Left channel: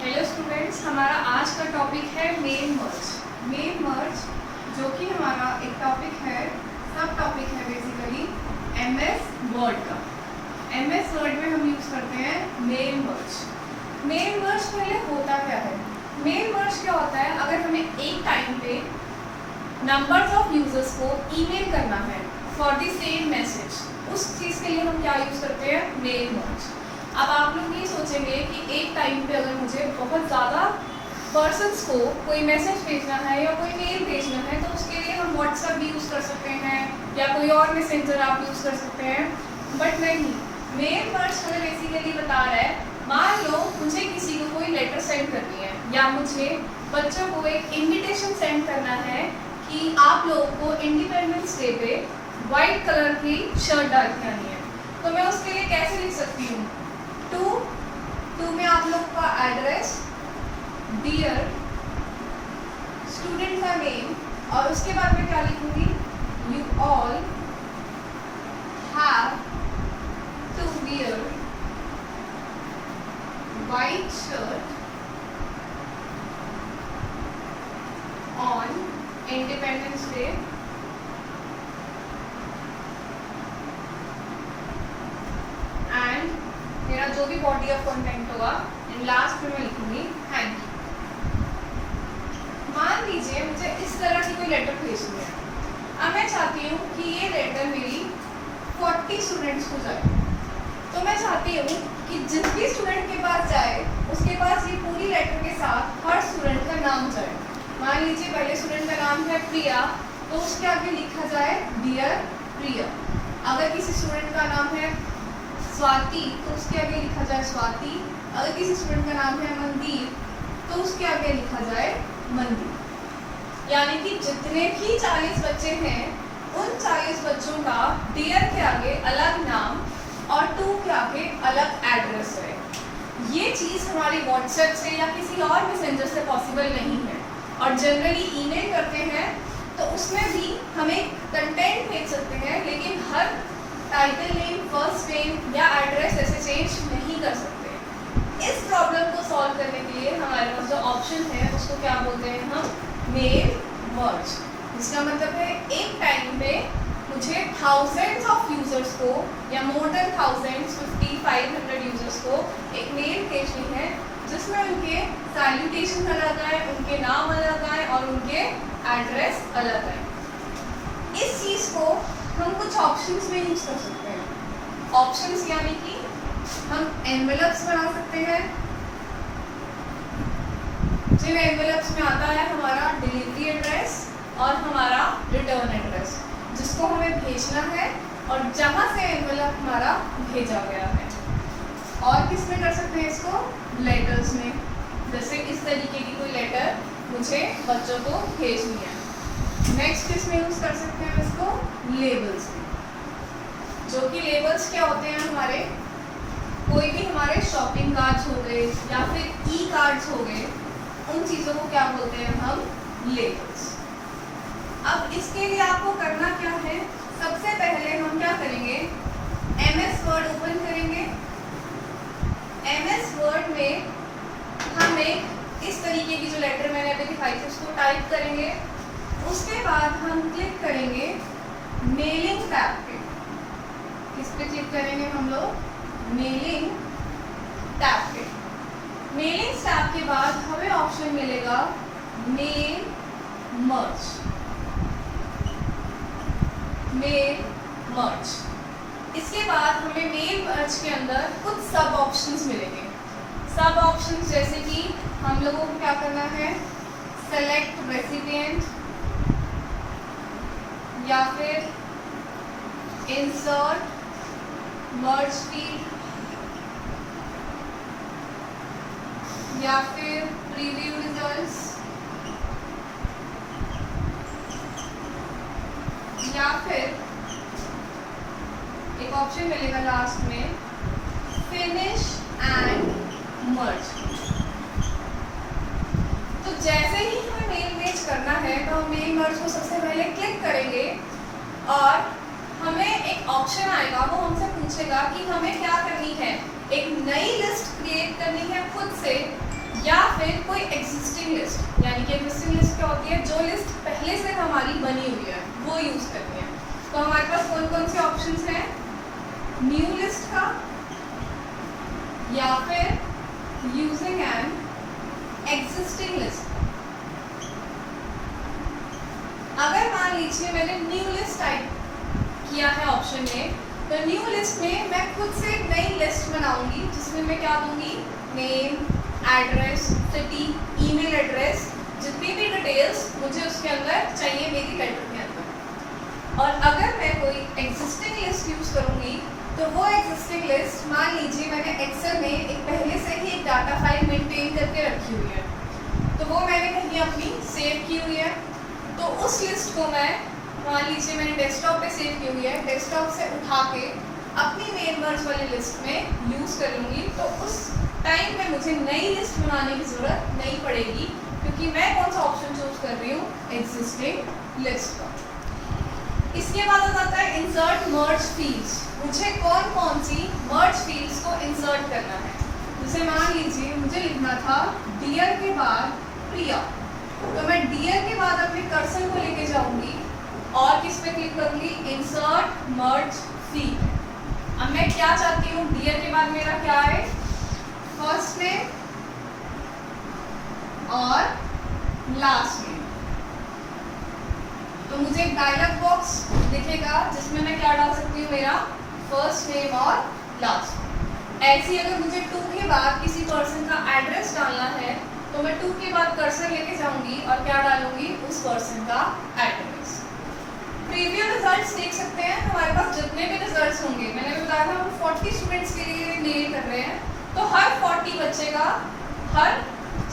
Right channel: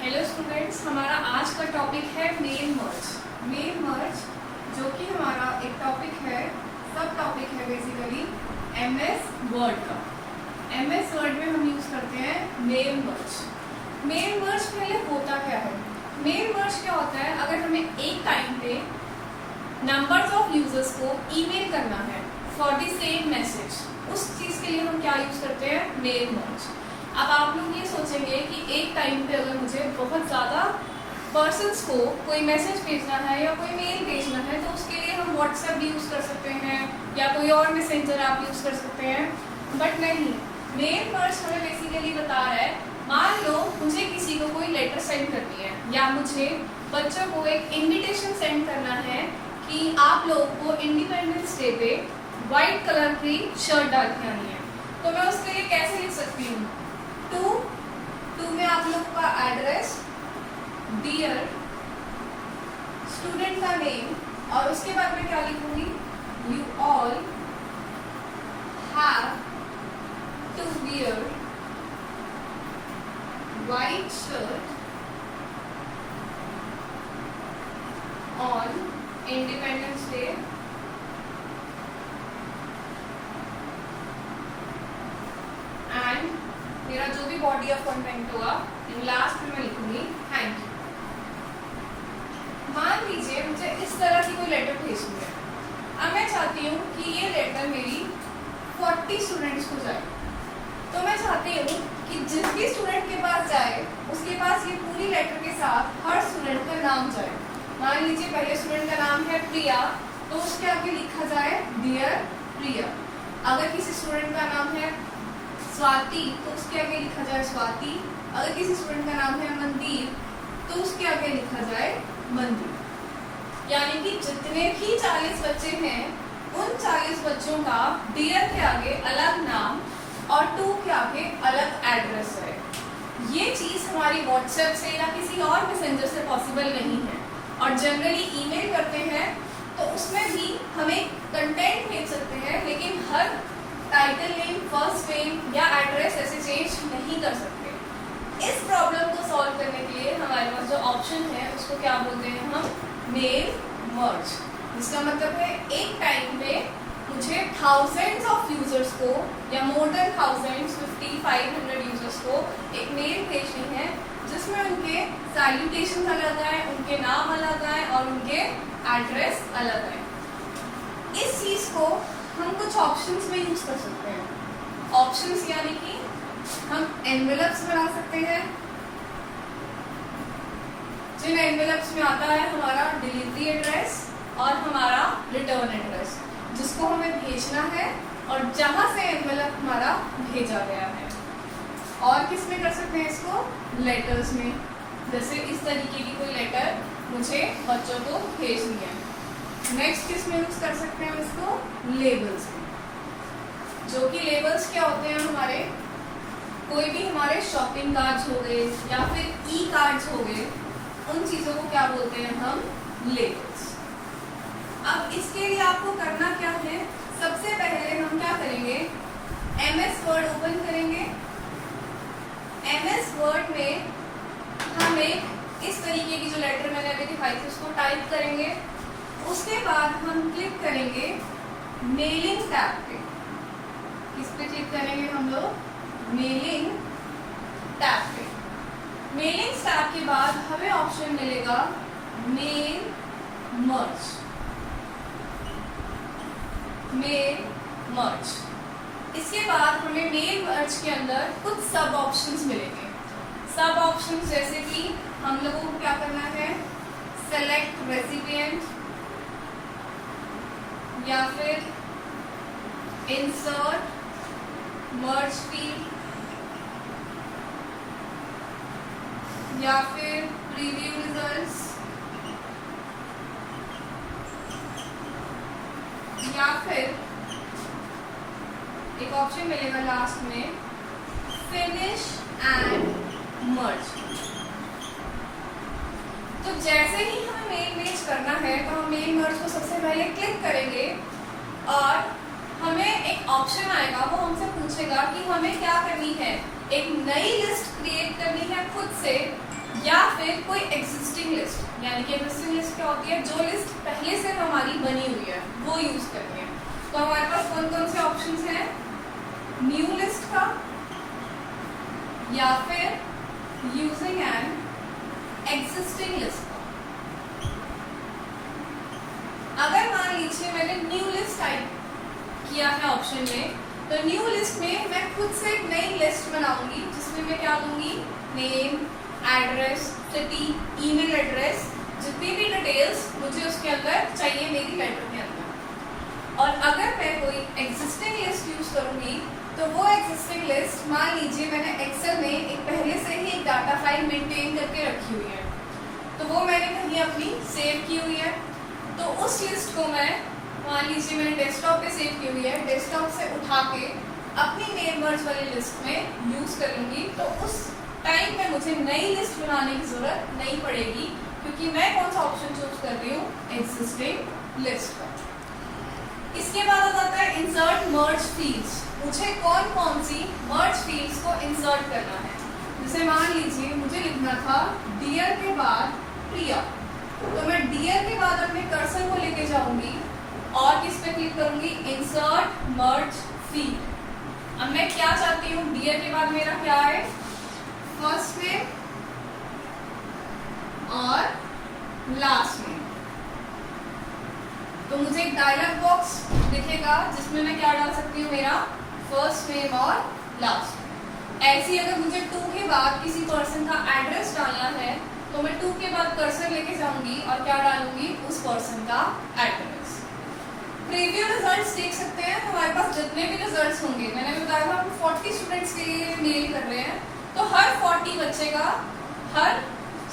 Hello students, हमारा आज का टॉपिक है मेन मर्ज। मेन मर्ज जो कि हमारा एक टॉपिक है, सब टॉपिक है बेसिकली एमएस वर्ड का। एमएस वर्ड में हम यूज़ करते हैं मेन मर्ज। मेन मर्ज पहले होता क्या है? मेन मर्ज क्या होता है? अगर हमें एक टाइम पे नंबर्स ऑफ यूजर्स को ईमेल करना है फॉर द सेम मैसेज, उस चीज़ के लिए हम क्या यूज़ करते हैं? मेन मर्ज। अब आप लोग ये सोचेंगे कि एक टाइम पे अगर मुझे बहुत ज़्यादा पर्सन्स को कोई मैसेज भेजना है या कोई मेल भेजना है तो उसके लिए हम व्हाट्सएप भी यूज़ कर सकते हैं या कोई और मैसेंजर आप यूज़ कर सकते हैं, बट नहीं। मेन मर्ज हमें बेसिकली बता रहा है, मान लो मुझे किसी को कोई लेटर सेंड करनी है या मुझे बच्चों को एक इन्विटेशन सेंड करना है कि आप लोगों को इंडिपेंडेंस डे पे वाइट कलर की शर्ट डाल के आनी है, तो मैं उसके लिए कैसे लिख सकती हूँ? टू में आप लोग का एड्रेस, डियर, स्टूडेंट का नेम और उसके बाद में क्या लिखूंगी? You all have to wear white shirt on independence day and मेरा जो भी बॉडी ऑफ कंटेंट होगा लास्ट में मैं लिखूंगी थैंक यू। मान लीजिए मुझे इस तरह की कोई लेटर भेजनी है। अब मैं चाहती हूँ कि ये लेटर मेरी 40 स्टूडेंट्स को जाए, तो मैं चाहती हूँ कि जिस भी स्टूडेंट के पास जाए उसके पास ये पूरी लेटर के साथ हर स्टूडेंट का नाम जाए। मान लीजिए पहले स्टूडेंट का नाम है प्रिया, तो उसके आगे लिखा जाए डियर प्रिया। अगर किसी स्टूडेंट का नाम है स्वाति तो उसके आगे लिखा जाए स्वाति। अगर किसी स्टूडेंट का नाम है मनदीप तो उसके आगे लिखा जाए मनदीप। यानी कि जितने भी 40 बच्चे हैं उन 40 बच्चों का डियर के आगे अलग नाम और टू के आगे अलग एड्रेस है। ये चीज़ हमारी व्हाट्सएप से या किसी और मैसेंजर से पॉसिबल नहीं है, और जनरली ईमेल करते हैं तो उसमें भी हमें कंटेंट भेज सकते हैं, लेकिन हर टाइटल नेम, फर्स्ट नेम या एड्रेस ऐसे चेंज नहीं कर सकते। इस प्रॉब्लम को सॉल्व करने के लिए हमारे पास जो ऑप्शन है उसको क्या बोलते हैं हम? मेन मर्ज। इसका मतलब है एक टाइम पे मुझे थाउजेंड्स ऑफ यूजर्स को या मोर देन थाउजेंड्स, 500 यूजर्स को एक मेल भेजनी है जिसमें उनके सैल्यूटेशन अलग है, उनके नाम अलग है और उनके एड्रेस अलग है। इस चीज़ को हम कुछ ऑप्शंस में यूज़ कर सकते हैं। ऑप्शंस यानी कि हम एनवेलप्स बना सकते हैं, जिन एनवेलप्स में आता है हमारा डिलीवरी एड्रेस और हमारा रिटर्न एड्रेस, जिसको हमें भेजना है और जहाँ से एनवेलप हमारा भेजा गया है। और किस में कर सकते हैं इसको? लेटर्स में। जैसे इस तरीके की कोई लेटर मुझे बच्चों को भेजनी है। नेक्स्ट किस में यूज़ कर सकते हैं इसको? लेबल्स में। जो कि लेबल्स क्या होते हैं? हमारे कोई भी हमारे शॉपिंग कार्ड्स हो गए या फिर ई कार्ड्स हो गए, उन चीज़ों को क्या बोलते हैं हम? लेबल्स। अब इसके लिए आपको करना क्या है? सबसे पहले हम क्या करेंगे? एमएस वर्ड ओपन करेंगे। एमएस वर्ड में हम एक इस तरीके की जो लेटर मैंने अभी दिखाई थी उसको टाइप करेंगे। उसके बाद हम क्लिक करेंगे मेलिंग टैब पे। किस पे क्लिक करेंगे हम लोग? मेलिंग टैब पे। मेलिंग टैब के बाद हमें ऑप्शन मिलेगा मेल मर्ज। Mail merge. इसके बाद हमें मेल मर्ज के अंदर कुछ सब ऑप्शंस मिलेंगे। सब ऑप्शंस जैसे कि हम लोगों को क्या करना है? सेलेक्ट रेसिपिएंट या फिर इंसर्ट मर्ज फील्ड या फिर प्रीव्यू रिजल्ट्स या फिर एक ऑप्शन मिलेगा लास्ट में फिनिश एंड मर्ज। तो जैसे ही हमें मेल मैच करना है तो हम मेल मर्ज को सबसे पहले क्लिक करेंगे और हमें एक ऑप्शन आएगा, वो हमसे पूछेगा कि हमें क्या करनी है, एक नई लिस्ट क्रिएट करनी है खुद से या एग्जिस्टिंग लिस्ट, यानी कि एग्जिस्टिंग लिस्ट क्या होती है, जो लिस्ट पहले से हमारी बनी हुई है वो यूज़ करनी है। तो हमारे पास कौन कौन से ऑप्शंस हैं, न्यू लिस्ट का या फिर यूजिंग एन एग्जिस्टिंग लिस्ट। अगर मान लीजिए मैंने न्यू लिस्ट टाइप किया है ऑप्शन में, तो न्यू लिस्ट में मैं खुद से एक नई लिस्ट बनाऊंगी जिसमें मैं क्या दूंगी, name, address, city, email address, जितनी भी डिटेल्स मुझे उसके अंदर चाहिए मेरी लेटर के अंदर। और अगर मैं कोई एग्जिस्टिंग लिस्ट यूज़ करूँगी तो वो एग्जिस्टिंग लिस्ट, मान लीजिए मैंने एक्सेल में एक पहले से ही एक डाटा फाइल मेंटेन करके रखी हुई है, तो वो मैंने कहीं अपनी सेव की हुई है, तो उस लिस्ट को मैं, मान लीजिए मैंने डेस्कटॉप पे सेव की हुई है, डेस्कटॉप से उठा के अपनी मेल मर्ज वाली लिस्ट में यूज़ करूँगी। तो उस टाइम में मुझे नई लिस्ट बनाने की ज़रूरत नहीं पड़ेगी, क्योंकि मैं कौन सा ऑप्शन चूज कर रही हूँ, एग्जिस्टिंग लिस्ट का। इसके बाद आ जाता है इंसर्ट मर्ज फील्ड्स। मुझे कौन कौन सी मर्ज फील्ड्स को इंसर्ट करना है। जैसे मान लीजिए मुझे लिखना था डियर के बाद प्रिया, तो मैं डियर के बाद अपने कर्सर को लेके जाऊंगी और किस पे क्लिक करूंगी, इंसर्ट मर्ज फील्ड। अब मैं क्या चाहती हूँ, डियर के बाद मेरा क्या है, फर्स्ट नेम और लास्ट नेम। तो मुझे एक डायलॉग बॉक्स दिखेगा जिसमें मैं क्या डाल सकती हूँ, मेरा फर्स्ट नेम और लास्ट। ऐसी अगर मुझे 2 के बाद किसी पर्सन का एड्रेस डालना है तो मैं 2 के बाद कर्सर लेके जाऊंगी और क्या डालूंगी, उस पर्सन का एड्रेस। प्रीव्यू रिजल्ट्स देख सकते हैं, हमारे पास जितने भी रिजल्ट्स होंगे, मैंने बताया था हम 40 स्टूडेंट्स के लिए मेल कर रहे हैं, तो हर 40 बच्चे का, हर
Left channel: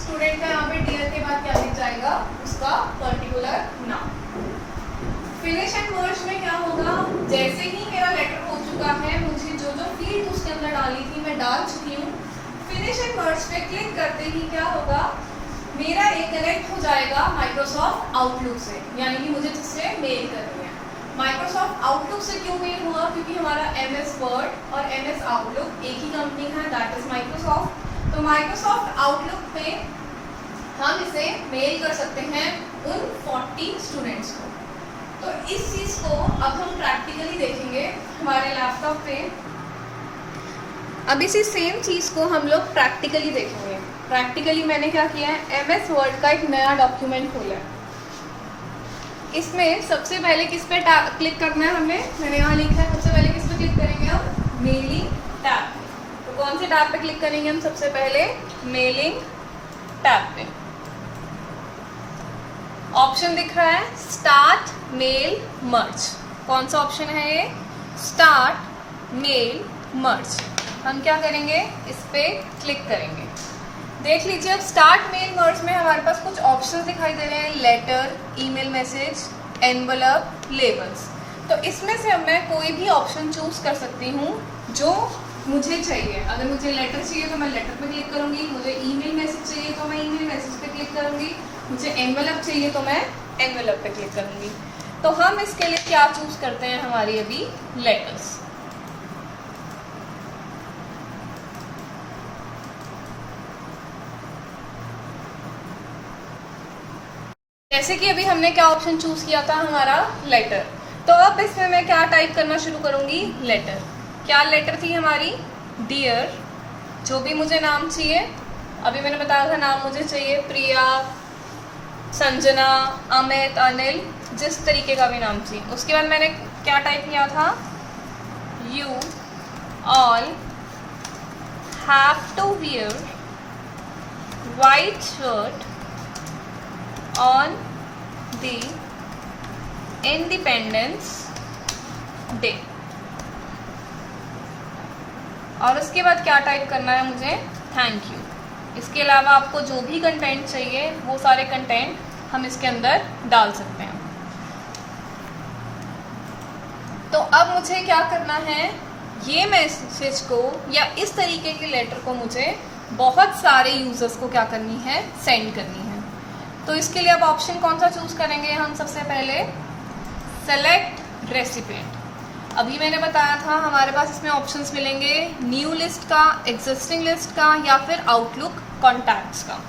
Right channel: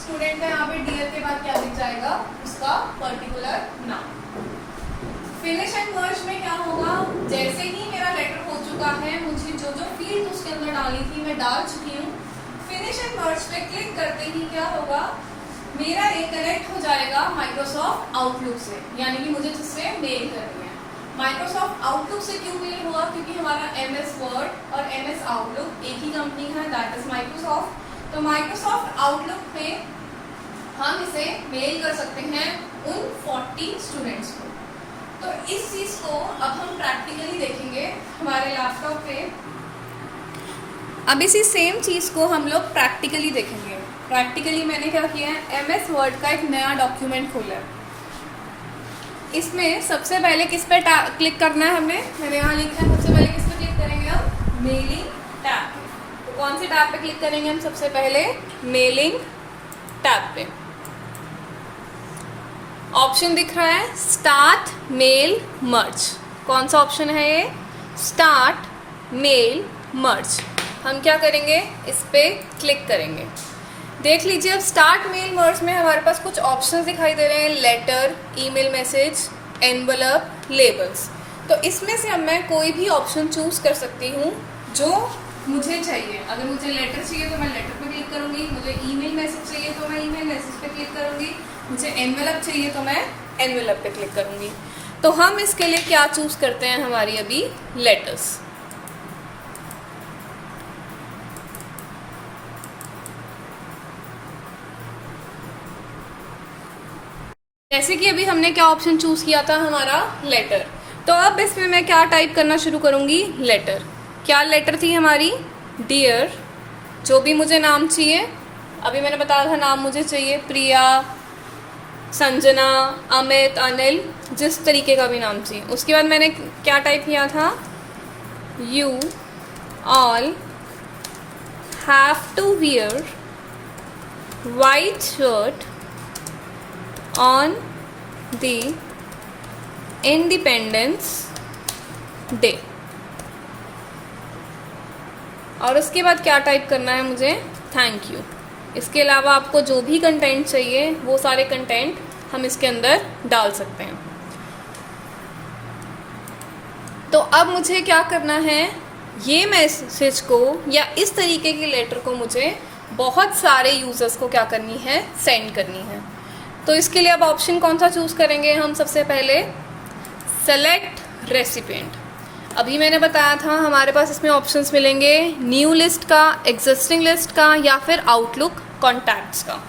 स्टूडेंट का यहाँ पे डियर के बाद क्या दिख जाएगा, उसका पर्टिकुलर नाम। फिनिश एंड मर्ज में क्या होगा, जैसे ही मेरा लेटर हो चुका है, मुझे जो जो फील्ड उसके अंदर डाली थी मैं डाल चुकी हूँ, फिनिश एंड मर्ज पे क्लिक करते ही क्या होगा, मेरा एक कनेक्ट हो जाएगा माइक्रोसॉफ्ट आउटलुक से, यानी कि मुझे जिससे मेल करनी है। माइक्रोसॉफ्ट आउटलुक से क्यों मेल हुआ, क्योंकि हमारा MS वर्ड और MS आउटलुक एक ही कंपनी है, दैट इज माइक्रोसॉफ्ट। तो माइक्रोसॉफ्ट आउटलुक पे हम इसे मेल कर सकते हैं उन 40 स्टूडेंट्स को। तो इस चीज़ को अब हम प्रैक्टिकली देखेंगे हमारे लैपटॉप पे। अब इसी सेम चीज़ को हम लोग प्रैक्टिकली देखेंगे। प्रैक्टिकली मैंने क्या किया है, MS वर्ड का एक नया डॉक्यूमेंट खोला है। इसमें सबसे पहले किस पे क्लिक करना है, मैंने यहाँ लिखा है, सबसे पहले किस पे क्लिक करेंगे हम, मेलिंग टैब पे। तो कौन से टैब पे क्लिक करेंगे हम, सबसे पहले मेलिंग टैब पे। ऑप्शन दिख रहा है स्टार्ट मेल मर्ज। कौन सा ऑप्शन है ये, स्टार्ट मेल मर्ज। हम क्या करेंगे, इस पे क्लिक करेंगे। देख लीजिए अब स्टार्ट मेल मर्ज में हमारे पास कुछ ऑप्शंस दिखाई दे रहे हैं, letter, email message, envelope, labels. तो इसमें से अब मैं कोई भी ऑप्शन चूज़ कर सकती हूँ जो मुझे चाहिए। अगर मुझे लेटर चाहिए तो मैं लेटर पे क्लिक करूँगी, मुझे ईमेल मैसेज चाहिए तो मैं ईमेल मैसेज पे क्लिक करूँगी, मुझे एनवलप चाहिए तो मैं एनवलप पे क्लिक करूँगी। तो हम इसके लिए क्या चूज़ करते हैं, हमारी अभी लेटर्स। जैसे कि अभी हमने क्या ऑप्शन चूज़ किया था, हमारा लेटर। तो अब इसमें मैं क्या टाइप करना शुरू करूँगी, लेटर। क्या लेटर थी हमारी, डियर, जो भी मुझे नाम चाहिए, अभी मैंने बताया था नाम मुझे चाहिए, प्रिया, संजना, अमित, अनिल, जिस तरीके का भी नाम चाहिए। उसके बाद मैंने क्या टाइप किया था, you all have to wear white shirt on the independence day. और उसके बाद क्या टाइप करना है मुझे, थैंक यू। इसके अलावा आपको जो भी कंटेंट चाहिए वो सारे कंटेंट हम इसके अंदर डाल सकते हैं। तो अब मुझे क्या करना है, ये मैसेज को या इस तरीके के लेटर को मुझे बहुत सारे यूज़र्स को क्या करनी है, सेंड करनी है। तो इसके लिए अब ऑप्शन कौन सा चूज़ करेंगे हम, सबसे पहले सेलेक्ट रेसिपिएंट। अभी मैंने बताया था हमारे पास इसमें ऑप्शंस मिलेंगे न्यू लिस्ट का, एग्जिस्टिंग लिस्ट का या फिर आउटलुक कॉन्टैक्ट्स का।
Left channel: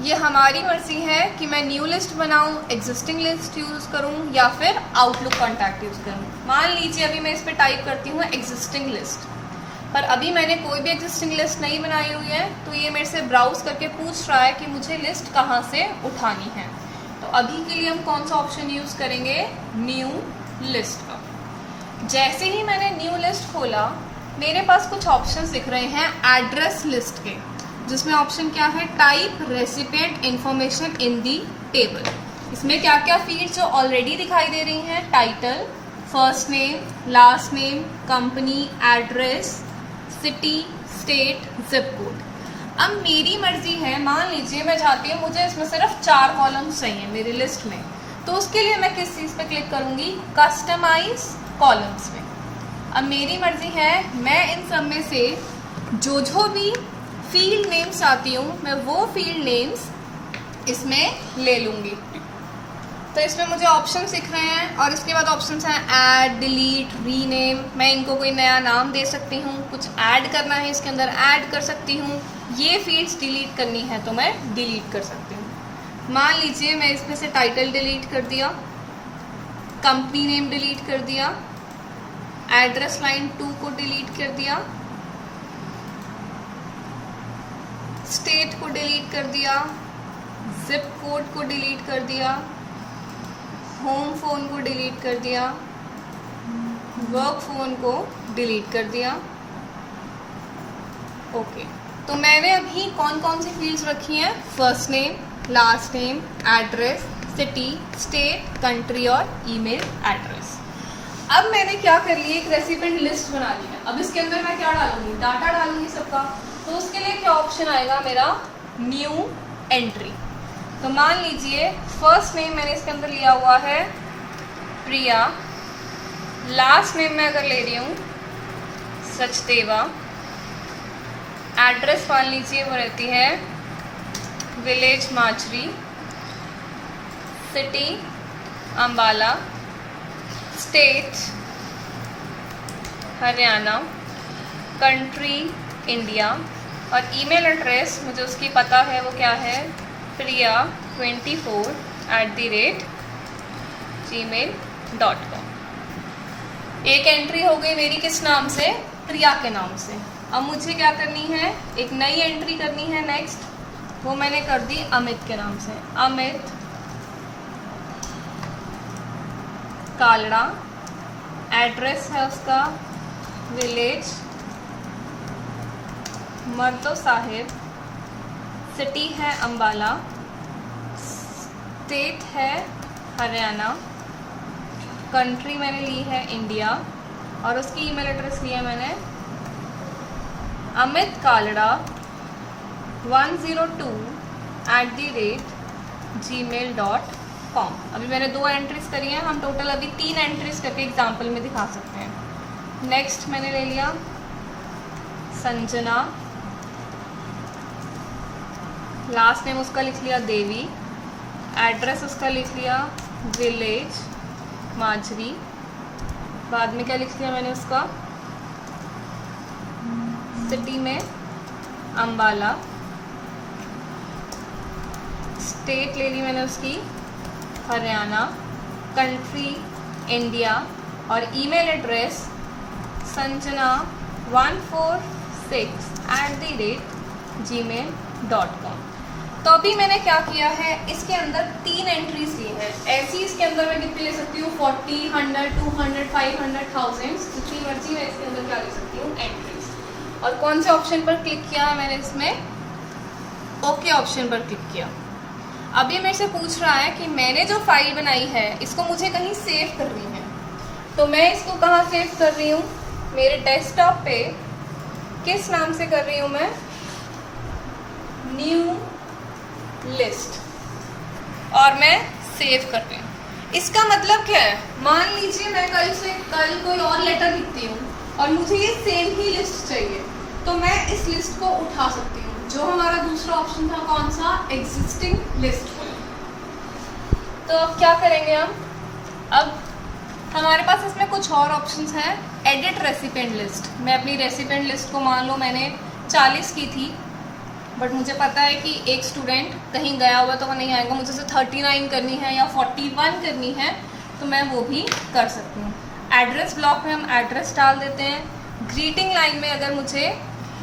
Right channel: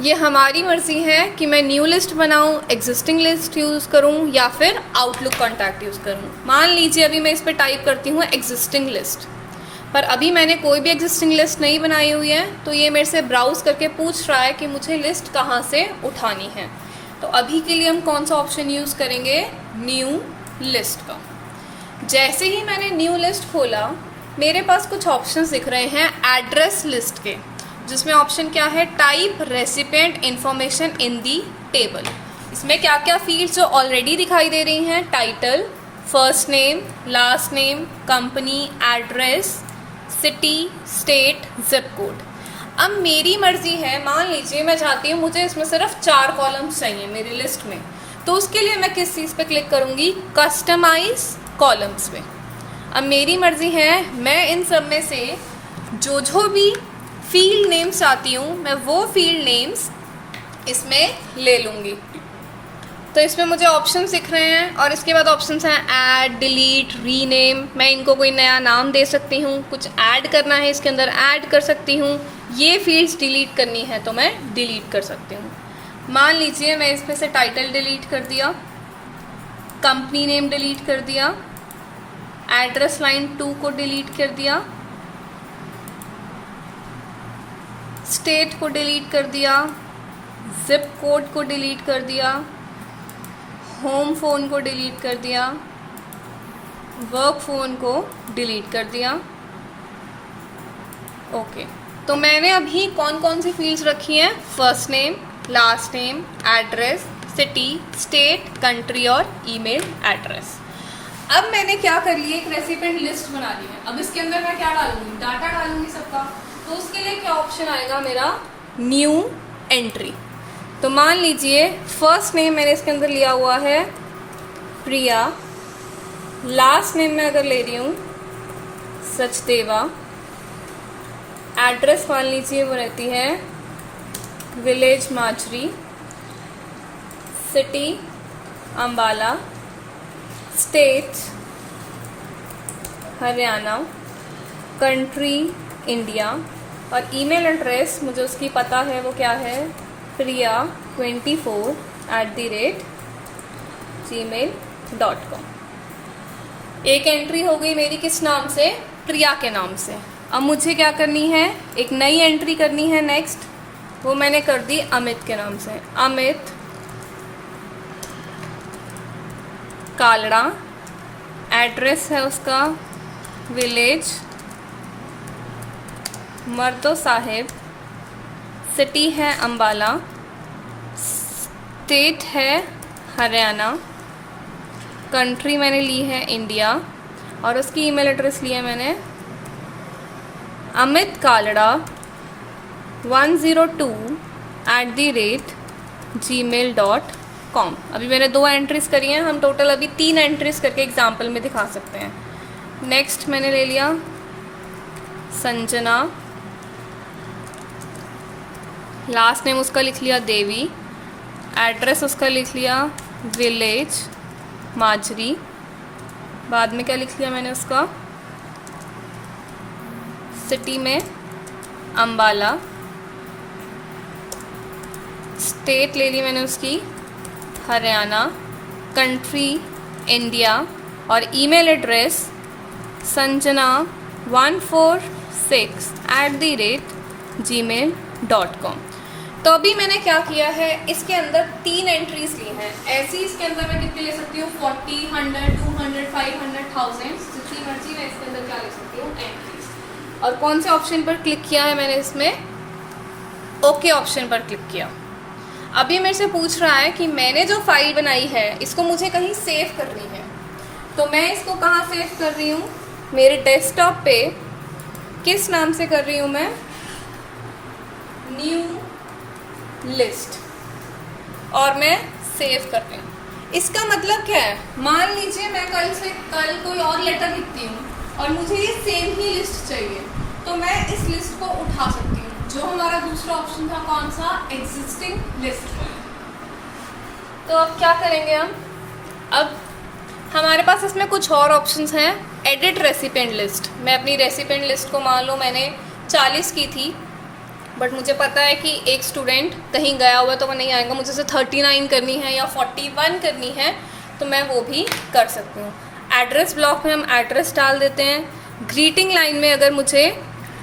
ये हमारी मर्ज़ी है कि मैं न्यू लिस्ट बनाऊं, एग्जिस्टिंग लिस्ट यूज़ करूं या फिर आउटलुक कॉन्टैक्ट यूज़ करूं। मान लीजिए अभी मैं इस पर टाइप करती हूँ एग्जिस्टिंग लिस्ट, पर अभी मैंने कोई भी एग्जिस्टिंग लिस्ट नहीं बनाई हुई है, तो ये मेरे से ब्राउज़ करके पूछ रहा है कि मुझे लिस्ट कहाँ से उठानी है। तो अभी के लिए हम कौन सा ऑप्शन यूज़ करेंगे, न्यू लिस्ट का। जैसे ही मैंने न्यू लिस्ट खोला, मेरे पास कुछ ऑप्शंस दिख रहे हैं एड्रेस लिस्ट के, जिसमें ऑप्शन क्या है, type recipient information in the table. इसमें क्या क्या फील्ड्स जो ऑलरेडी दिखाई दे रही हैं, title, first name, last name, company, address, city, state, zip code. अब मेरी मर्ज़ी है, मान लीजिए मैं चाहती हूँ मुझे इसमें सिर्फ 4 कॉलम्स चाहिए मेरी लिस्ट में, तो उसके लिए मैं किस चीज़ पे क्लिक करूँगी, कस्टमाइज कॉलम्स पे। अब मेरी मर्ज़ी है, मैं इन सब में से जो भी फील्ड नेम्स चाहती हूँ, मैं वो फील्ड नेम्स इसमें ले लूँगी। तो इसमें मुझे ऑप्शंस दिख रहे हैं और इसके बाद ऑप्शंस हैं ऐड, डिलीट, रीनेम। मैं इनको कोई नया नाम दे सकती हूँ, कुछ ऐड करना है इसके अंदर ऐड कर सकती हूँ, ये फील्ड्स डिलीट करनी है तो मैं डिलीट कर सकती हूँ। मान लीजिए मैं इसमें से टाइटल डिलीट कर दिया, कंपनी नेम डिलीट कर दिया, एड्रेस लाइन 2 को डिलीट कर दिया, स्टेट को डिलीट कर दिया, जिप कोड को डिलीट कर दिया, होम फ़ोन को डिलीट कर दिया, वर्क फ़ोन को डिलीट कर दिया। ओके, तो मैंने अभी कौन कौन सी फील्ड्स रखी हैं, first name, last name, address, city, state, country और ईमेल एड्रेस। अब मैंने क्या कर ली, एक रेसिपिएंट लिस्ट बना ली है। अब इसके अंदर मैं क्या डालूंगी, डाटा डालूंगी सबका। तो उसके लिए क्या ऑप्शन आएगा मेरा, न्यू एंट्री। तो मान लीजिए फर्स्ट नेम मैंने इसके अंदर लिया हुआ है प्रिया, लास्ट नेम मैं अगर ले रही हूँ सचदेवा, एड्रेस मान लीजिए वो रहती है village Machari, city Ambala, state Haryana, country India, और ईमेल एड्रेस मुझे उसकी पता है वो क्या है, priya24@gmail.com। एक एंट्री हो गई मेरी किस नाम से, प्रिया के नाम से। अब मुझे क्या करनी है, एक नई एंट्री करनी है नेक्स्ट, वो मैंने कर दी अमित के नाम से, अमित कालड़ा, एड्रेस है उसका विलेज मर्दो साहिब, सिटी है अम्बाला, स्टेट है हरियाणा, कंट्री मैंने ली है इंडिया, और उसकी ईमेल एड्रेस लिया मैंने अमित कालड़ा 102@gmail.com। अभी मैंने 2 एंट्रीज करी हैं, हम टोटल अभी 3 एंट्रीज करके एग्जाम्पल में दिखा सकते हैं। नेक्स्ट मैंने ले लिया संजना, लास्ट नेम उसका लिख लिया देवी, एड्रेस उसका लिख लिया विलेज माजरी, बाद में क्या लिख लिया मैंने उसका, सिटी में अम्बाला, स्टेट ले ली मैंने उसकी हरियाणा, कंट्री इंडिया, और ईमेल एड्रेस sanjana146@gmail.com। तो अभी मैंने क्या किया है, इसके अंदर 3 एंट्रीज ली हैं। ऐसी इसके अंदर मैं कितनी ले सकती हूँ, 40, 100, 200, 500, 1000, जितनी मर्जी मैं इसके अंदर क्या ले सकती हूँ, एंट्रीज। और कौन से ऑप्शन पर क्लिक किया है मैंने इसमें, ओके ऑप्शन पर क्लिक किया। अभी मेरे से पूछ रहा है कि मैंने जो फाइल बनाई है इसको मुझे कहीं सेव करनी है, तो मैं इसको कहाँ सेव कर रही हूँ, मेरे डेस्कटॉप पे किस नाम से कर रही हूँ मैं, न्यू लिस्ट, और मैं सेव कर रही हूँ। इसका मतलब क्या है, मान लीजिए मैं कल कोई और लेटर लिखती हूँ और मुझे ये सेम ही लिस्ट चाहिए, तो मैं इस लिस्ट को उठा सकती हूँ। जो हमारा दूसरा ऑप्शन था कौन सा, एग्जिस्टिंग लिस्ट। तो अब क्या करेंगे हम, अब हमारे पास इसमें कुछ और ऑप्शंस हैं, एडिट रेसिपिएंट लिस्ट। मैं अपनी रेसिपिएंट लिस्ट को मान लो मैंने 40 की थी, बट मुझे पता है कि एक स्टूडेंट कहीं गया हुआ तो वो नहीं आएगा, मुझे उसे 39 करनी है या 41 करनी है, तो मैं वो भी कर सकती हूँ। एड्रेस ब्लॉक में हम एड्रेस डाल देते हैं। ग्रीटिंग लाइन में अगर मुझे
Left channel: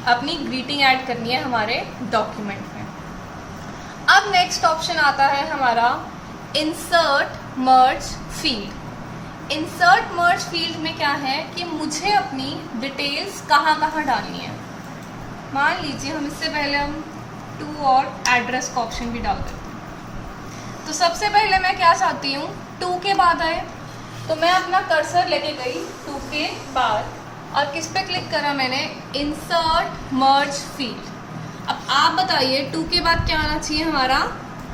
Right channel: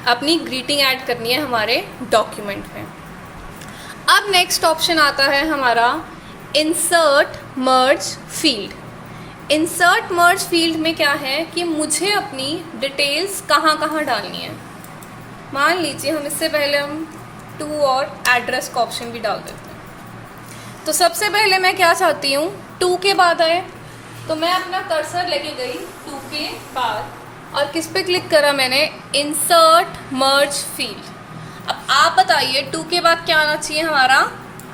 अपनी ग्रीटिंग ऐड करनी है हमारे डॉक्यूमेंट में। अब नेक्स्ट ऑप्शन आता है हमारा इंसर्ट मर्ज फील्ड। इंसर्ट मर्ज फील्ड में क्या है कि मुझे अपनी डिटेल्स कहाँ कहाँ डालनी है। मान लीजिए हम इससे पहले हम टू और एड्रेस का ऑप्शन भी डाल देते हैं। तो सबसे पहले मैं क्या चाहती हूँ, टू के बाद आए, तो मैं अपना कर्सर लेके गई टू के बाद और किस पे क्लिक करा मैंने, इंसर्ट मर्ज फील्ड। अब आप बताइए टू के बाद क्या आना चाहिए हमारा,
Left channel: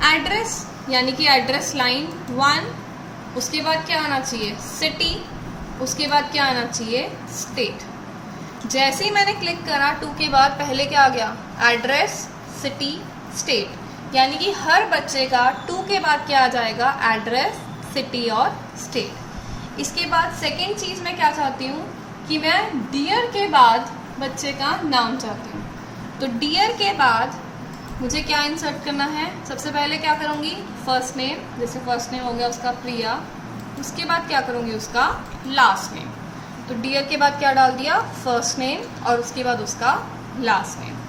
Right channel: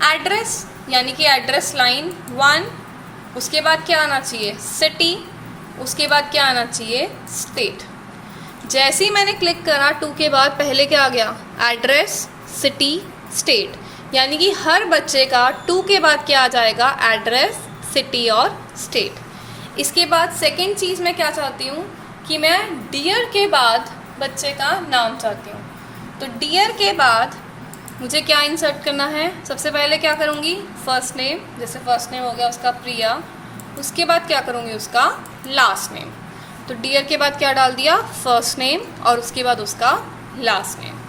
एड्रेस, यानी कि एड्रेस लाइन 1। उसके बाद क्या आना चाहिए, सिटी। उसके बाद क्या आना चाहिए, स्टेट। जैसे ही मैंने क्लिक करा टू के बाद पहले क्या आ गया, एड्रेस, सिटी, स्टेट, यानी कि हर बच्चे का टू के बाद क्या आ जाएगा, एड्रेस, सिटी और स्टेट। इसके बाद सेकंड चीज़ मैं क्या चाहती हूँ कि मैं डियर के बाद बच्चे का नाम चाहती हूँ। तो डियर के बाद मुझे क्या इंसर्ट करना है, सबसे पहले क्या करूँगी, फर्स्ट नेम, जैसे फर्स्ट नेम हो गया उसका प्रिया। उसके बाद क्या करूँगी, उसका लास्ट नेम। तो डियर के बाद क्या डाल दिया, फर्स्ट नेम और उसके बाद उसका लास्ट नेम।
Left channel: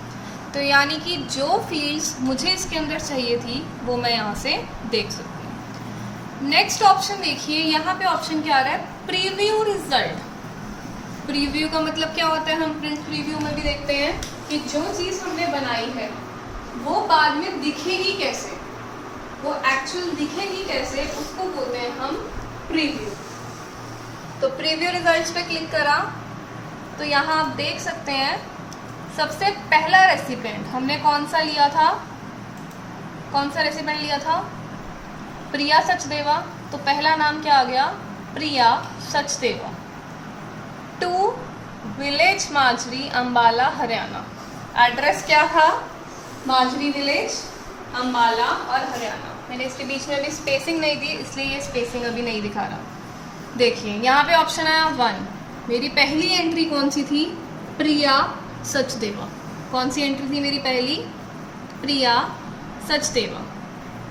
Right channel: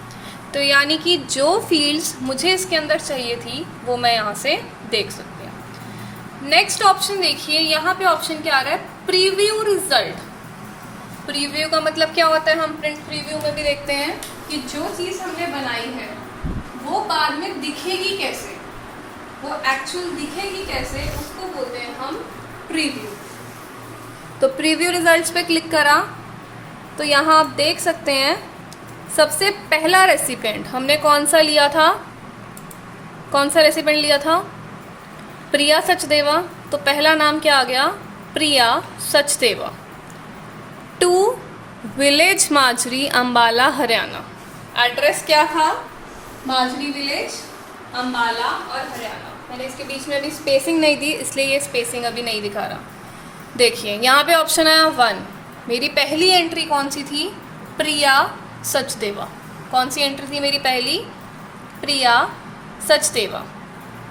तो यानी कि जो फील्ड्स मुझे इसके अंदर चाहिए थी वो मैं यहाँ से देख सकती हूँ। नेक्स्ट ऑप्शन देखिए, यहाँ पे ऑप्शन क्या आ रहा है, प्रीव्यू रिजल्ट। प्रीव्यू का मतलब क्या होता है, हम प्रिंट प्रीव्यू में भी देखते हैं कि जो चीज़ हमने बनाई है वो बाद में दिखेगी कैसे, वो एक्चुअल दिखेगी कैसे, उसको बोलते हैं हम प्रीव्यू। तो प्रीव्यू रिजल्ट्स पे क्लिक करा तो यहाँ आप देख सकते हैं सबसे पहला रेसिपिएंट हमने कौन सा लिया था, कौन सा रेसिपिएंट लिया था, प्रिया सचदेवा। तो पहला नाम क्या आ गया, Priya Sachdeva. To village Majri Ambala Haryana. Address क्या था, माजरी विलेज अम्बाला और हरियाणा। मैंने इसके बीच में अभी स्पेसिंग नहीं दी इसलिए ये स्पेसिंग अभी नहीं दिखा रहा। देखिए यहाँ पे ऑप्शन आया 1। मेरी पहली एंट्री कौन सी थी, प्रिया सचदेवा। कौन सी एंट्री थी मेरी पहली, प्रिया सचदेवा।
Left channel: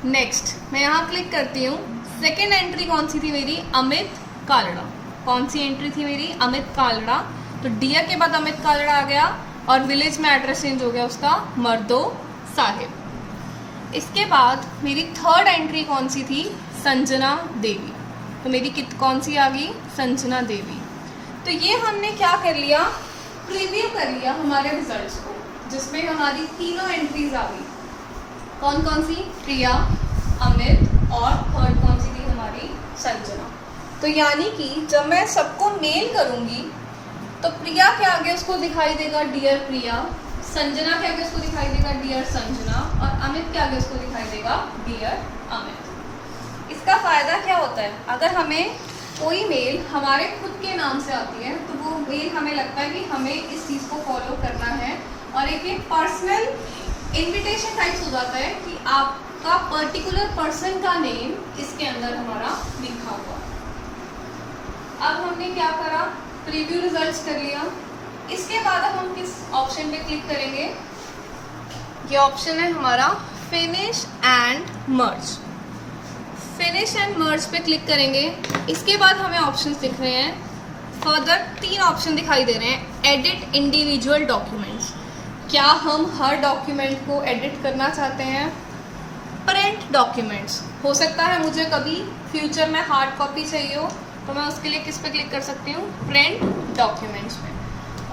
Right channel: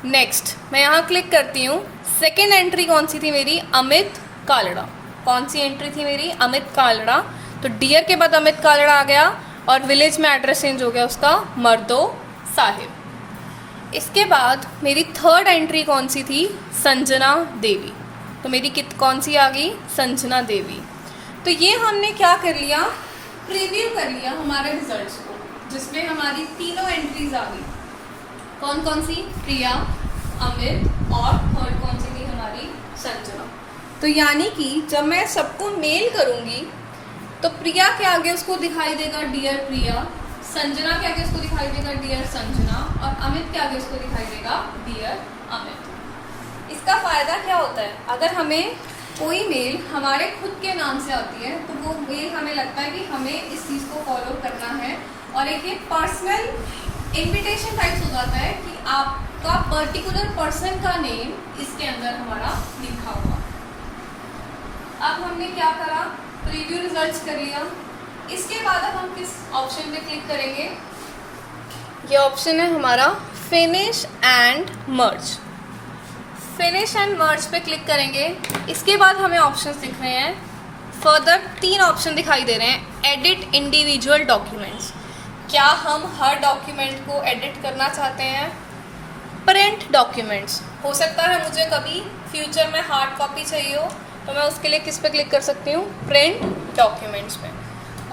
नेक्स्ट मैं यहाँ क्लिक करती हूँ, सेकेंड एंट्री कौन सी थी मेरी, अमित कालड़ा। कौन सी एंट्री थी मेरी, अमित कालड़ा। तो डियर के बाद अमित कालड़ा आ गया और विलेज में एड्रेस चेंज हो गया उसका, मर्दो साहिब। इसके बाद मेरी थर्ड एंट्री कौन सी थी, संजना देवी। तो मेरी कौन सी आ गई, संजना देवी। तो ये हमने क्या कर लिया, प्रीव्यू कर लिया हमारे रिजल्ट्स को, जिसमें हमारी तीनों एंट्रीज आ गई। कौन कौन सी, प्रिया, अमित और थर्ड कौन सी थी हमारी, संजना। तो यानी कि जब मैं सबको मेल करूँगी तो प्रिया के आगे उसको दिखाई देगा डियर प्रिया, संजना के आगे उसको दिखाई देगा डियर संजना और अमित के आगे उसको दिखाई देगा डियर अमित। इसका फ़ायदा क्या होता है, अगर हमें कोई मेल हमारे खुद के नाम से आती है तो वो मेल हमें लगता है कि हमें इस चीज़ को फॉलो करना है और एक ये पर्सनल इन्विटेशन टाइप्स हो जाता है कि आपका पर्टिकुलर पर्सन का नेम इसके अंदर हमारा लिखा हुआ। अब हमने क्या करा, प्रीव्यू रिजल्ट्स कर लिया। इसके बाद अब हम किस ऑप्शन पे क्लिक करेंगे, ये ऑप्शन है हमारा finish and merge. Finish and merge पे क्लिक करेंगे। इसके बाद हमें ऑप्शंस दिख रहे हैं, फर्दर 3 ऑप्शन दिखाई दे रहे हैं। एडिट इंडिविजुअल डॉक्यूमेंट्स, क्या हम हर डॉक्यूमेंट को एडिट करना चाहते हैं। प्रिंट डॉक्यूमेंट्स, हो सकता है मुझे कभी फ्यूचर में हार्ड कॉपी चाहिए हो तो मैं उसके लिए किस पे क्लिक कर सकती हूँ, प्रिंट डॉक्यूमेंट्स में।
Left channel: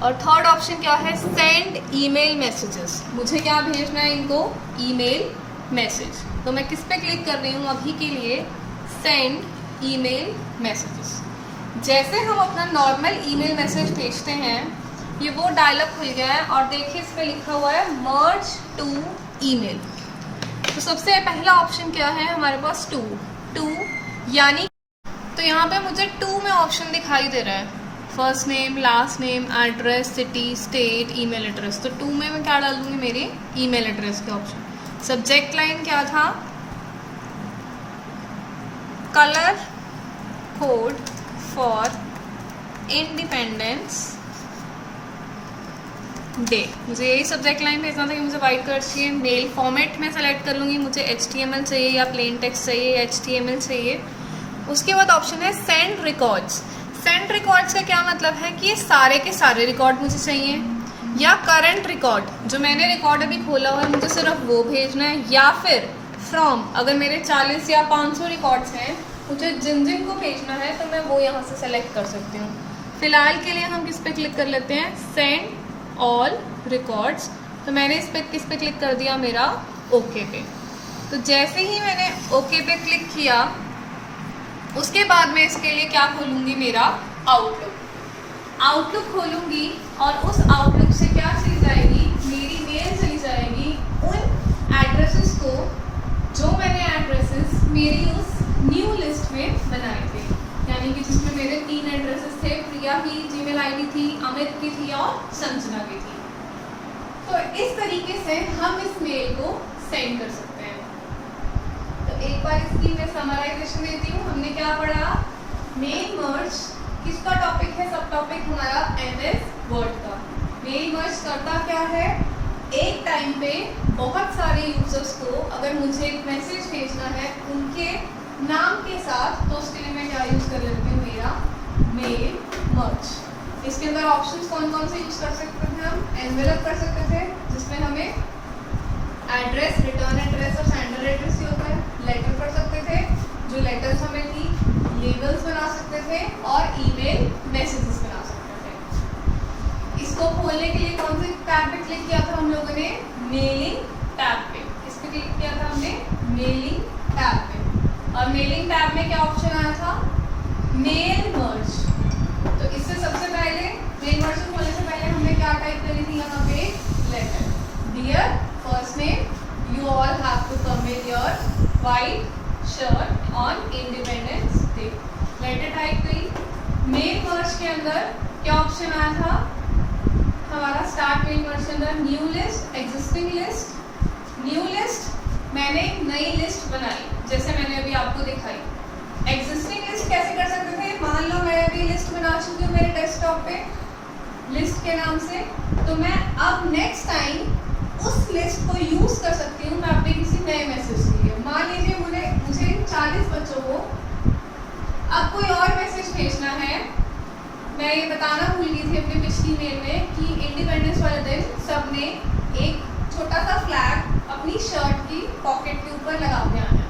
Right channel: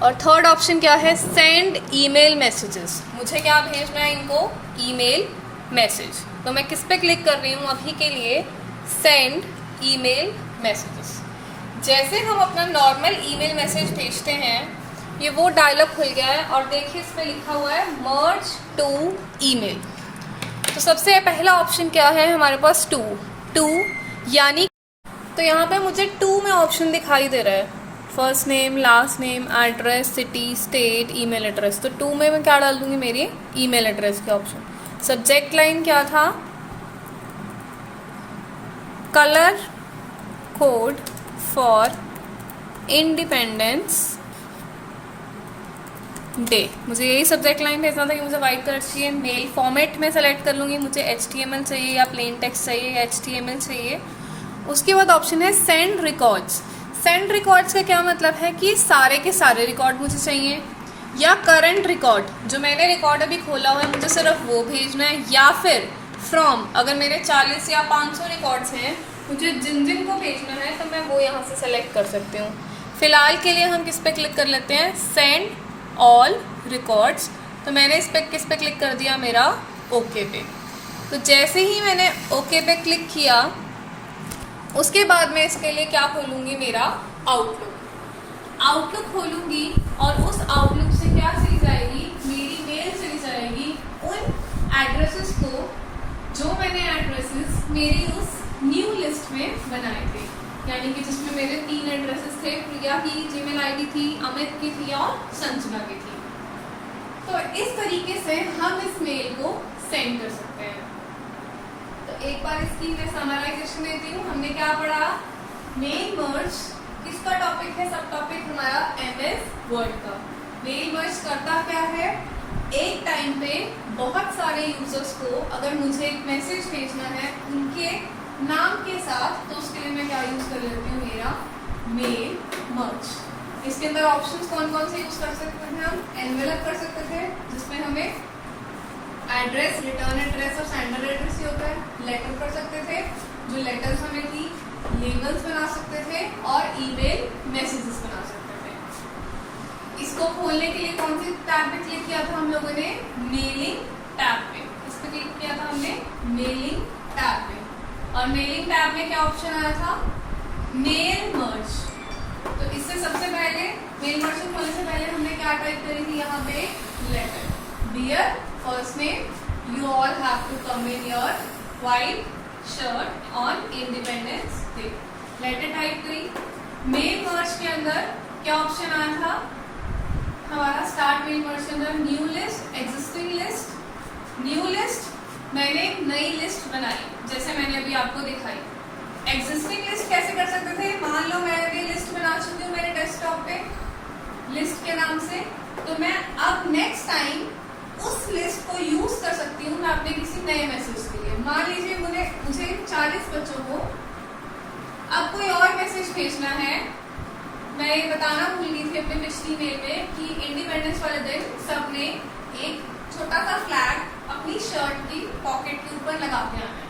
और थर्ड ऑप्शन क्या है, सेंड ईमेल मैसेजेस, मुझे क्या भेजना है इनको, ईमेल मैसेज। तो मैं किस पे क्लिक कर रही हूँ अभी के लिए, सेंड ईमेल मैसेजेस। जैसे हम अपना नॉर्मल ईमेल मैसेज भेजते हैं, ये वो डायलॉग खुल गया है और देखिए इस पे लिखा हुआ है मर्ज टू ईमेल। तो सबसे पहला ऑप्शन क्या है हमारे पास, टू, यानी तो यहाँ पे मुझे 2 में ऑप्शन दिखाई दे रहा है, first name, last name, address, city, state, email address. तो 2 में मैं क्या डाल दूँगी, मेरे ईमेल एड्रेस के ऑप्शन। सब्जेक्ट लाइन क्या था, colour code for independence day, मुझे यही सब्जेक्ट लाइन भेजना था कि मुझे वाइट कलर चाहिए। मेल फॉर्मेट में सेलेक्ट कर लूँगी, मुझे HTML चाहिए या प्लेन टेक्स्ट चाहिए या HTML चाहिए। उसके बाद ऑप्शन है सेंड रिकॉर्ड्स। सेंड रिकॉर्ड्स का क्या मतलब है कि सारे के सारे रिकॉर्ड मुझे चाहिए, या करंट रिकॉर्ड जो मैंने रिकॉर्ड अभी खोला हुआ है मुझे सिर्फ वो भेजना है, या फिर फ्रॉम अगर मेरे 40 या 500 रिकॉर्ड्स हैं मुझे जिन जिन को भेजना है तो मैं वो यहाँ से सेलेक्ट कर सकती हूँ। फ़िलहाल के लिए हम किस पे क्लिक कर लेते हैं, सेंड ऑल रिकॉर्ड्स। तो मैंने इस पर किस पे क्लिक कर दिया, मेरा ओके पे। तो जैसे ही मैंने ओके पे क्लिक किया उसके बाद मैं इसके लिए क्या खोलूँगी, मेरा आउटलुक खोलूँगी और उस आउटलुक से क्या चली जाएगी, मेरी मेल चली जाएगी उन एड्रेसेस को जो मैंने एड्रेसेस मेरी उस न्यू लिस्ट में बनाए थे, यानी कि जिसमें मेरे 3 एड्रेसेस थे, प्रिया की जीमेल आईडी थी, अमित की थी और संजना की थी। तो इस तरीके से हम इस मेल को सेंड कर सकते हैं। तो एक बार इसकी मैं समराइजेशन देती हूँ। हमने क्या पढ़ा, मेल मर्ज किसका टॉपिक है, सब टॉपिक हमारा MS वर्ड का। मेल मर्ज करता क्या है, एक टाइम पे बहुत सारे यूजर्स को अगर मुझे एक मैसेज भेजना है उनके नाम के साथ, तो उसके लिए मैं क्या यूज़ कर लेती हूँ, मेरा मेल मर्ज। इसके अंदर ऑप्शंस कौन कौन से यूज़ कर सकते थे हम, एनवेलप कर सकते थे जिसमें हमें एड्रेस, रिटर्न एड्रेस और सेंडर एड्रेस ही होता है। लेटर कर सकते थे, जो लेटर्स हमें थी, लेबल्स बना सकते थे और ईमेल मैसेजेस बना सकते थे। इसको खोलने के लिए कौन से टैब पे क्लिक किया था हम लोगों ने, मेलिंग टैब पे। इस पे क्लिक किया था हमने मेलिंग टैब पे, और मेलिंग टैब में क्या ऑप्शन आया था, मेल मर्ज। तो इससे सबसे पहले मेल मर्ज को खोलने से पहले हमने क्या टाइप करी थी यहाँ पे, letter, dear first name you all have to come in your white shirt on independence day, letter type करी। मेल मर्ज के अंदर क्या ऑप्शन आया था हमारा, स्टार्ट मेल मर्ज के अंदर new list, existing list. New list मैंने एक नई लिस्ट बनाई जैसे मैंने अभी आपको दिखाई। एग्जिस्टिंग लिस्ट कैसे कर सकते थे, मान लो मैं अभी लिस्ट बना चुकी हूँ मेरे डेस्कटॉप पे लिस्ट के नाम से, तो मैं अब नेक्स्ट टाइम उस लिस्ट को यूज़ कर सकती हूँ मैं अपने किसी नए मैसेज के लिए। मान लीजिए मुझे 40 बच्चों को अब कोई और मैसेज भेजना है। मैं ये बताना भूल गई थी अपने पिछली मेल में कि इंडिपेंडेंस वाले दिन सबने एक छोटा सा फ्लैग अपनी शर्ट की पॉकेट के ऊपर लगा के आना है।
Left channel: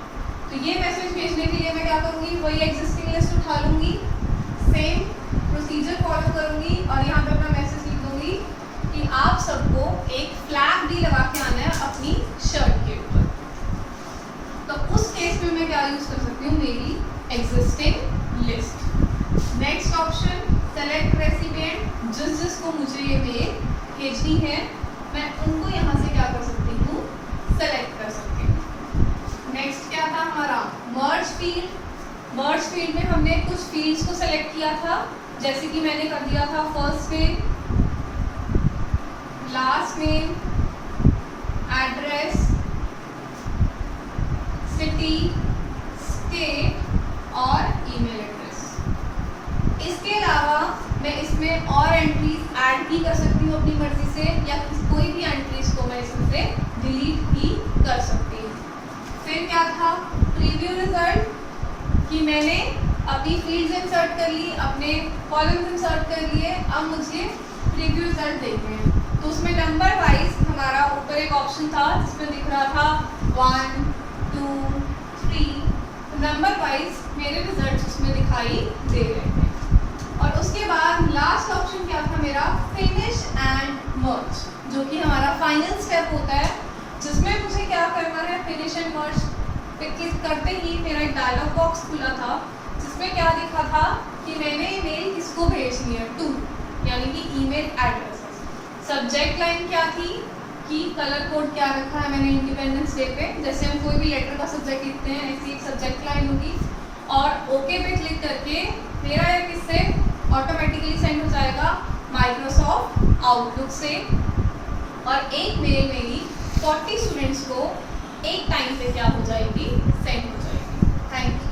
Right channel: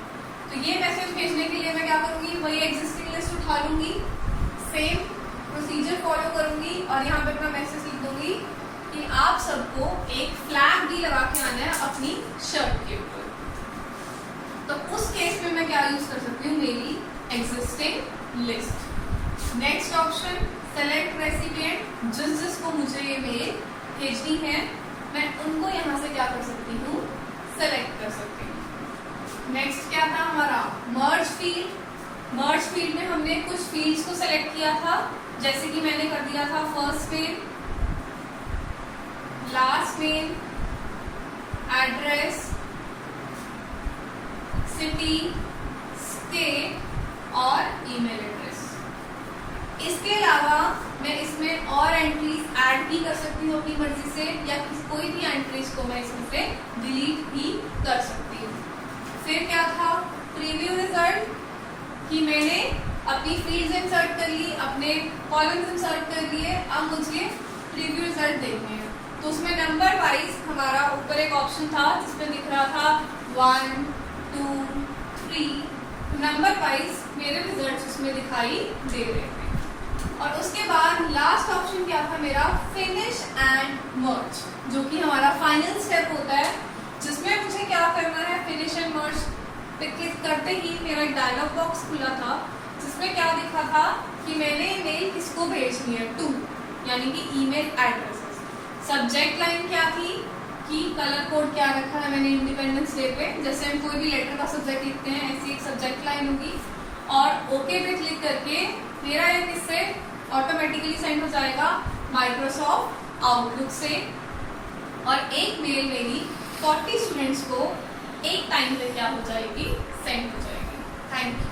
तो ये मैसेज भेजने के लिए मैं क्या करूँगी, वही एग्जिस्टिंग लिस्ट उठा लूँगी, सेम प्रोसीजर फॉलो करूँगी और यहाँ पे अपना मैसेज लिख दूँगी कि आप सबको एक फ्लैग भी लगा के आना है अपनी शर्ट के ऊपर। तो उस केस में मैं क्या यूज़ कर सकती हूँ, मेरी existing list. Next option, select recipient, जिसको मुझे ये मेल भेजनी है मैं उनको यहाँ से क्या कर सकती हूँ, सेलेक्ट कर सकती हूँ। नेक्स्ट क्या था हमारा, मर्ज फील्ड। मर्ज फील्ड में हमने कुछ फील्ड्स को सेलेक्ट किया था, जैसे कि मैंने कर दिया था first name, last name, address, city, state और ईमेल एड्रेस। इसके अलावा मैं इसमें और एंट्रीज ऐड भी कर सकती हूँ अपनी मर्जी से, या कोई भी एंट्रीज को मैं इसमें से डिलीट भी कर सकती हूँ। फिर क्या था, प्रीव्यू रिजल्ट, कि मैंने अपनी फील्ड्स इंसर्ट कर ली, अपने कॉलम्स इंसर्ट कर लिए, अब मुझे प्रीव्यू रिजल्ट देखने हैं। तो उसमें नंबर वाइज हमारा ऊपर एक ऑप्शन था जिसमें दिख रहा था 1, 2, 3, नंबर वाइज मेरे रिजल्ट उसमें दिखाई दे रहे थे। और उसके बाद लास्ट ऑप्शन क्या था मेरा, फिनिश एंड मर्ज, जो कि हमारा फाइनल स्टेप होता है, जिसमें मुझे क्या करना है, फिनिश एंड मर्ज पे क्लिक करते ही मेरा एक डायलॉग बॉक्स खुला था जिसमें क्या दिखा था कि मैंने ईमेल किसको भेजनी है, टू, यानी कि ईमेल एड्रेसेस। सब्जेक्ट लाइन क्या थी कि कलर कोड क्या रखा है मैंने इंडिपेंडेंस डे पे, जैसे हम कोई भी लेटर का सब्जेक्ट लिखते हैं ऐसी एक सब्जेक्ट लाइन होगी। और ओके पे क्लिक करके मेरा यह किससे ऑटोमेटिकली सेंड हो जाएगा, माइक्रोसॉफ्ट आउटलुक से, और एक मेल मेरी 40 स्टूडेंट्स को एक टाइम पे क्या हो जाएगी, सेंड हो जाएगी। Thank you.